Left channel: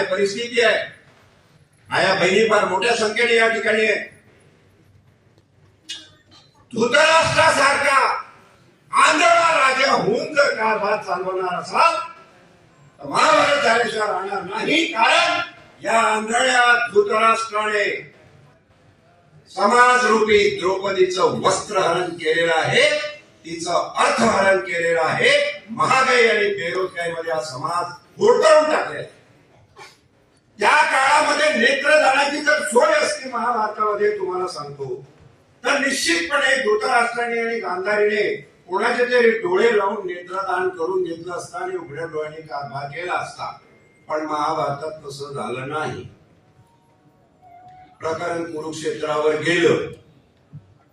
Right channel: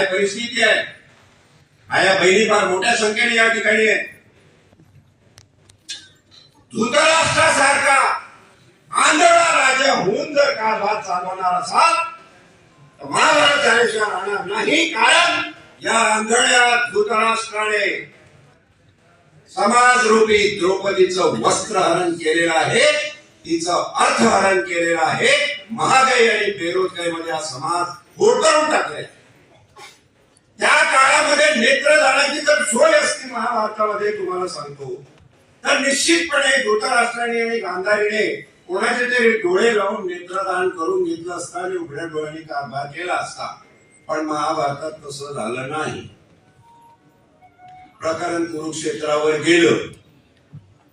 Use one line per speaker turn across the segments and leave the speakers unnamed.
काय परिस्थिती आहे? आया बहिणी फार मोठ्या संख्येने या ठिकाणी आहे धृतराष्ट्रासारखा आंधळा राजा होऊन जर कारभार चालवणार असाल तर महाभारत झाल्याशिवाय राहणार नाही कारण या आंधळ्या धृतराष्ट्राने समाजरूपी द्रौपदीचं वस्त्रहरण केलेलं आहे तिचं अर्थहरण केलेलं आहे महागाई आणि बेरोजगारीमध्ये हा समाज होरकळून आहे. त्या काळामध्ये नेत्रदानाची जर सोय असती महाभारतामध्ये तुम्हाला सांगतो. तर निश्चितपणे धृतराष्ट्राने आणि गांधारीने कोणाचे तरी डोळे लावून नेत्रदान करून घेतलं असता आणि उघड्या डोळ्यांनी कारभार केला असता. पण महाभारतात तसं झालं नाही. प्रकरण कुरुक्षेत्रावर गेलं.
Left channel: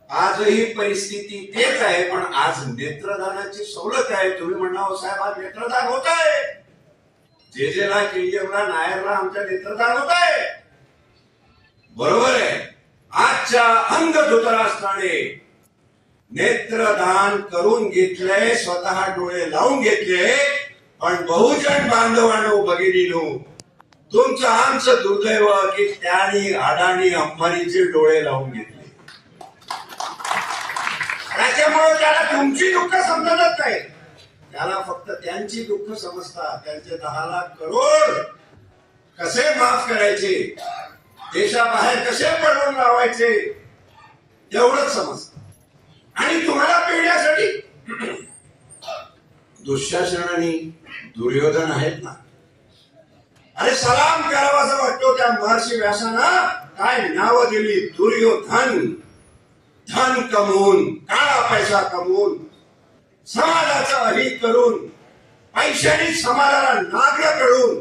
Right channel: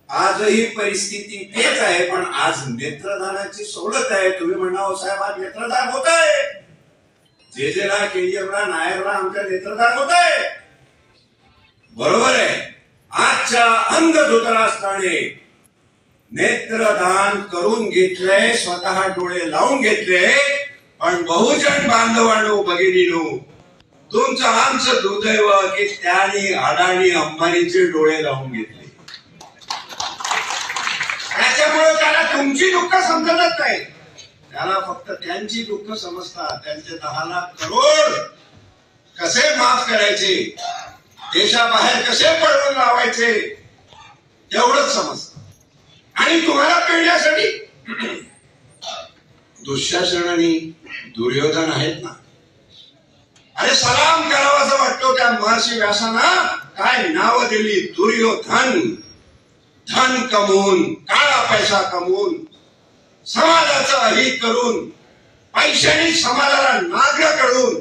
आजही परिस्थिती तेच आहे पण आज नेत्रदानाची सवलत आहे. तुम्ही म्हणावं साहेब आज नेत्रदान होत आहे जे जेला केजीएफला नायरला आमच्या नेत्रदान होत आहे बरोबर आहे. आजच्या अंग धुतराष्ट्राने नेत्रदान करून घेतलंय स्वतः डोळे लावून घेतले पण बहुजन बांधवांनो भगिनीनो तुमचं आमचं दुर्दैव की त्याने अडाणी अंबानीचे डोळे लावून घेतले. त्याच्यामुळे त्याला तुमची दुःख समजतच नाही. त्याला फक्त त्यांची दुःख समजतात त्यांचे दहा लाख करोड कसे माफ करायचे? देशाबाहेर कसे पडवून लावायचे? एवढंच समजत. आणि तुम्हाला पिळण्यासाठी दुःशासन आणि दुर्योधन आहेत ना? अरे सलाम करावा असं वाटतो त्या महर्षी व्यासाना. काय नाव दिली? दुर्योधन. धन कमवून काळा पैसा कमवून. समाजाचं अहित करून पैशाने समाजाला नागलं करून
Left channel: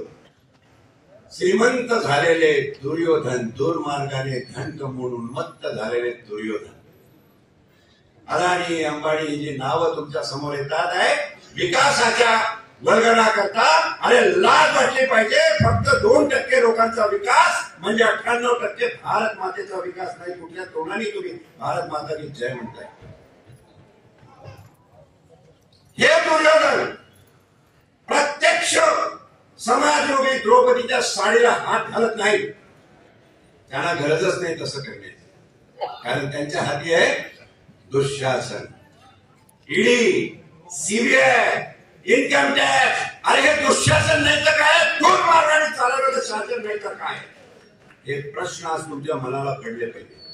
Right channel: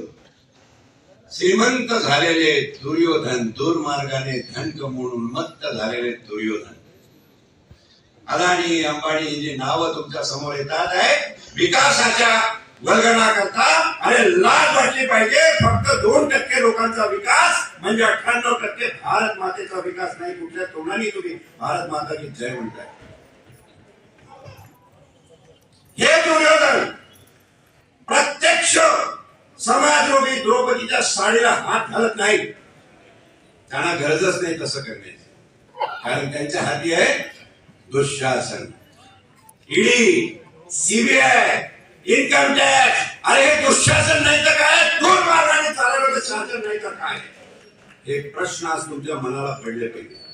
श्रीमंत झालेले दुर्योधन दुर्मार्गाने धन कमवून मत्त झालेले दुर्योधन. अदानी अंबानी जी नावं तुमच्यासमोर येतात आहे विकासाच्या वर्गणा करता आणि लाज वाटली पाहिजे. फक्त दोन टक्के लोकांचा विकास म्हणजे अठ्ठ्याण्णव टक्के भारत मातेचा विकास नाही. कुठल्या तोंडाने तुम्ही? भारत माता की जय म्हणताय. हे दुर्योधन प्रत्यक्ष समाजरूपी द्रौपदीच्या साडीला हात घालत नाही. त्यांना गरजच नाही तसं करण्याची. कारण त्यांच्या हाती आहे Dushasan. ED CBI income tax. अरे हे दुःशासन नाही तर काय? दोन मार्गाने चालवलं शासन नाही तर काय? हे प्रश्न आज तुमच्या मनाला पडले पाहिजे.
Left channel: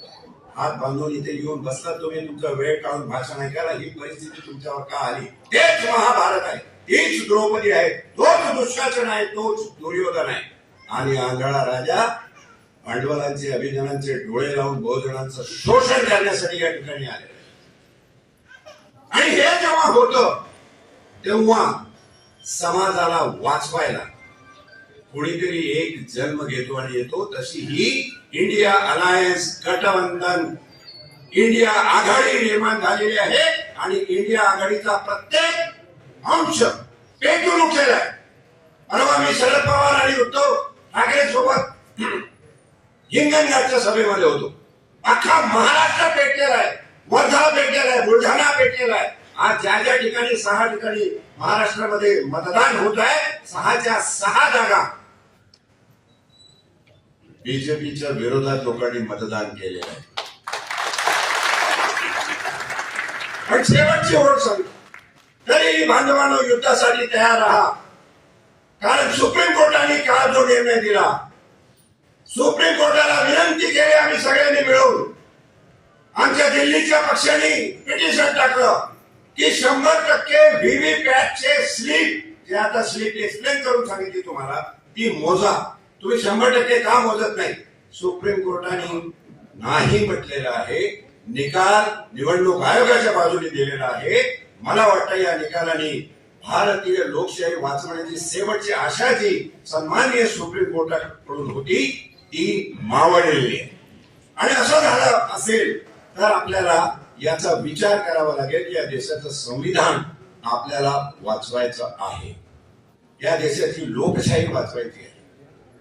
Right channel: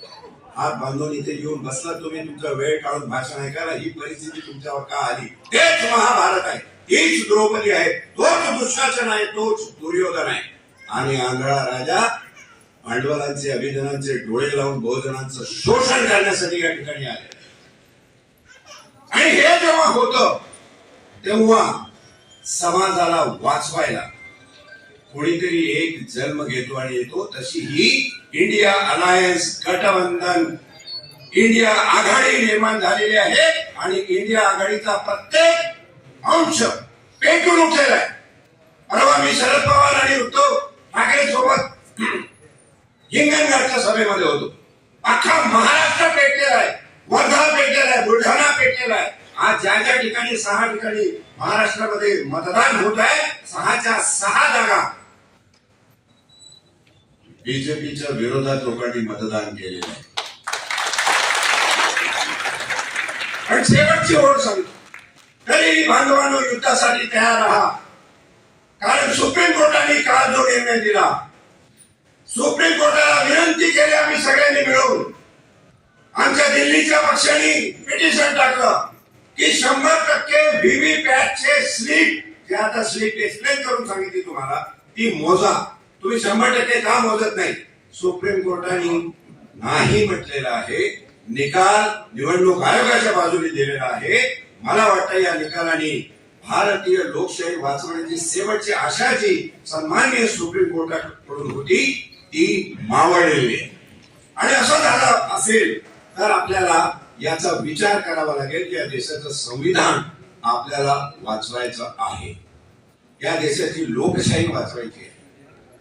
हात बांधून इथे येऊन बसला तुम्ही तुमचा वेळ काढून भाषण ऐकायला. ही परिस्थिती तुमच्यावर का आली? तेच महाभारत आहे. तीच द्रौपदी आहे. तोच दुःशासन आहे. तोच दुर्योधन आहे. आणि आंधळा राजा भांडवलांचे अभिजनांचे डोळे लावून बहुजनांचं शोषण करण्यासाठी या ठिकाणी आले. आणि हे जेव्हा होत तेव्हा समाजाला वाचवायला कोणीतरी एक जन्म घेतो आणि येतो तशी ही इंडिया अलायन्स गठबंधन इंडिया आघाडी निर्माण झालेली आहे आणि इंडिया आघाडीचा प्रत्येक अंश पेटून उठलेला आहे. परवा मी शरद पवार आणि उद्धव ठाकरे सोबत हिंगणघाटच्या सभेमध्ये होतो. अख्खा महाराष्ट्र पेटलेला आहे. वर्धा पेटलेला आहे. बुलढाणा पेटलेला आहे. आज ज्या ज्या ठिकाणी सहा ठिकाणी महाराष्ट्रामध्ये मतदान होत आहे सहाच्या सहा जागा बीजेपीच्या विरोधात लोकांनी मतदान केलेलं आहे. पण शेवटची ओळख सांगतो. तरी बांधवांनो युद्धासाठी तयार राहा. कारण सुप्रीम कोर्टाने काल जो निर्णय दिला सुप्रीम कोर्टाला विनंती केली आम्ही सगळ्यांनी मिळून. आमच्या दिल्लीच्या पक्षाने पिटिशन टाकलं की शंभर टक्के व्हीव्हीपॅटचे स्लिप जे आता स्लीप एक्सप्लेन करून सांगितली तुम्हाला ती मोजा. तुम्ही शंभर टक्के का मोजत नाही. सुप्रीम कोर्टाने नाही म्हटलेलं आहे. निकाल निवडणूक आयोगाच्या बाजूने दिलेला आहे. मला वाटतं या निकालाने भारतीय लोकशाही वाचवण्याची शेवटची आशा जी सन्माननीय सुप्रीम कोर्टाकडून होती ती मावळलेली आहे. आणि असं झालं असेल तर आपल्याला याचा विचार करावा लागेल. या देशाचं संविधान आपल्याला वाचवायचं आहे. या देशाची लोकशाही वाचवायची आहे.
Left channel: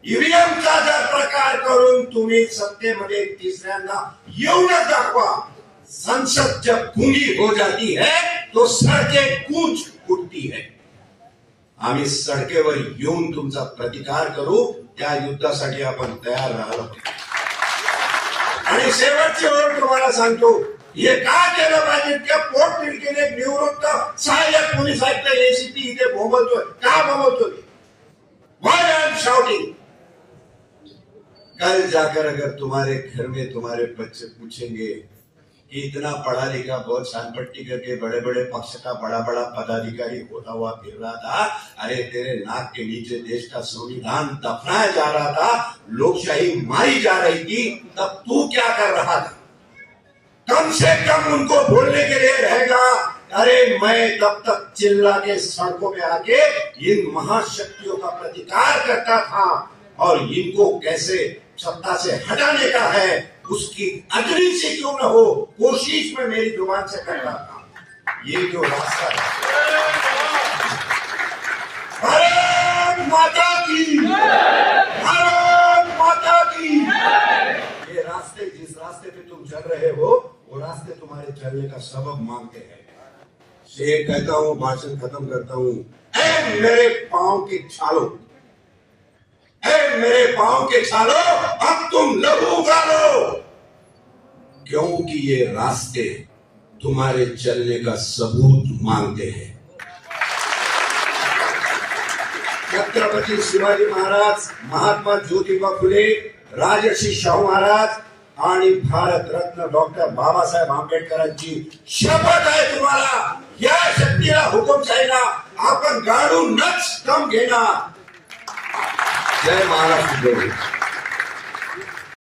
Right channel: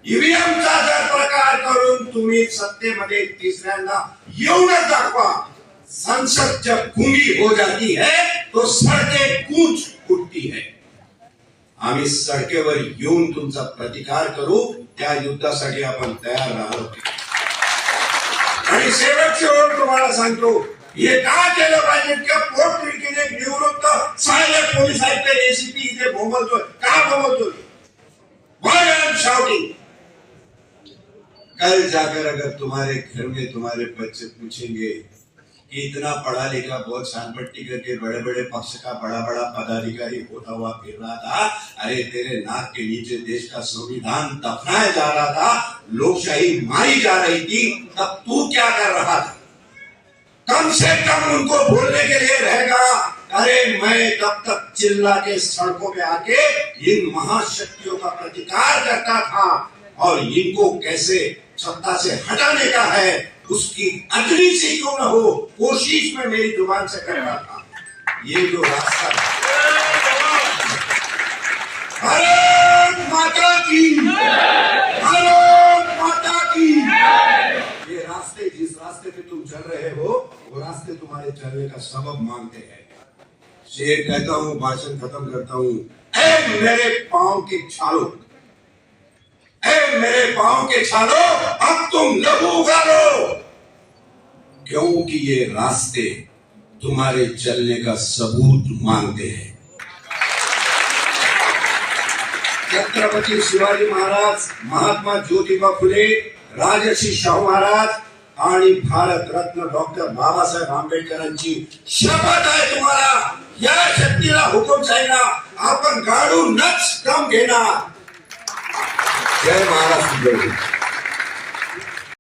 ईव्हीएमचा जर प्रकार करून तुम्ही सत्तेमध्ये तिसऱ्यांदा येऊनच दाखवा. संसद जब गुंगी हो जाती है तो सड़के कूच उठती है. आम्ही सडकेवर येऊन तुमचा प्रतिकार करू त्या युद्धासाठी आपण तयार राहिलो आणि शेवटची ओळ तुम्हाला सांगतो हे का केलं पाहिजे? की पोट तिडकीने निवृत्त सहाय्यक पोलीस आयुक्त एसीपी इथे बोंबलतोय. का बोंबलतोय? Why I shouting? कल जाकर अगर तुम्हारे घर में तुम्हारे बच्चे पूछेंगे कि इतना पढ़ा लिखा, बहुत छानपट्टी करके बड़े बड़े पक्ष का बड़ा बड़ा पदाधिकारी होता हुआ फिर रहा था, अरे तेरे नाक के नीचे देश का संविधान दफनाया जा रहा था, लोकशाही मारी जा रही थी, तब तू क्या कर रहा था? कम से कम उनको बोलने के लिए रहेगा, अरे मैं तब तक चिल्ला के सड़कों में आके इन महाशक्तियों का प्रतिकार करता था, और इनको कैसे सत्ता से हटाने का है, उसकी अगली से क्यों न हो, कोशिश में मेरी ज़ुबान से करता था। ये जो रास्ता भारत माता की, भारत माता की। ये रास्ते, जिस रास्ते पे तुम चल रहे हो, वो रास्ते तुम्हारे चलने का सबब मांगते हैं। शेर कहता हूँ, भाषण खत्म करता हूँ। मेरे पाँव के छालो। मेरे पाँव के छालो, अब तुम लहू उगालो। क्योंकि ये रास्ते तुम्हारे चलने का सबूत मांगते हैं। छत्रपति शिवाजी महाराज, महात्मा ज्योतिबा फुले, राजर्षी शाहू महाराज आणि भारत रत्न डॉक्टर बाबासाहेब आंबेडकरांची शपथ आहे तुम्हाला. या शक्तीला हुकुमशाहीला आपण गाडूनच कम घेणार. जय महाराष्ट्र जय.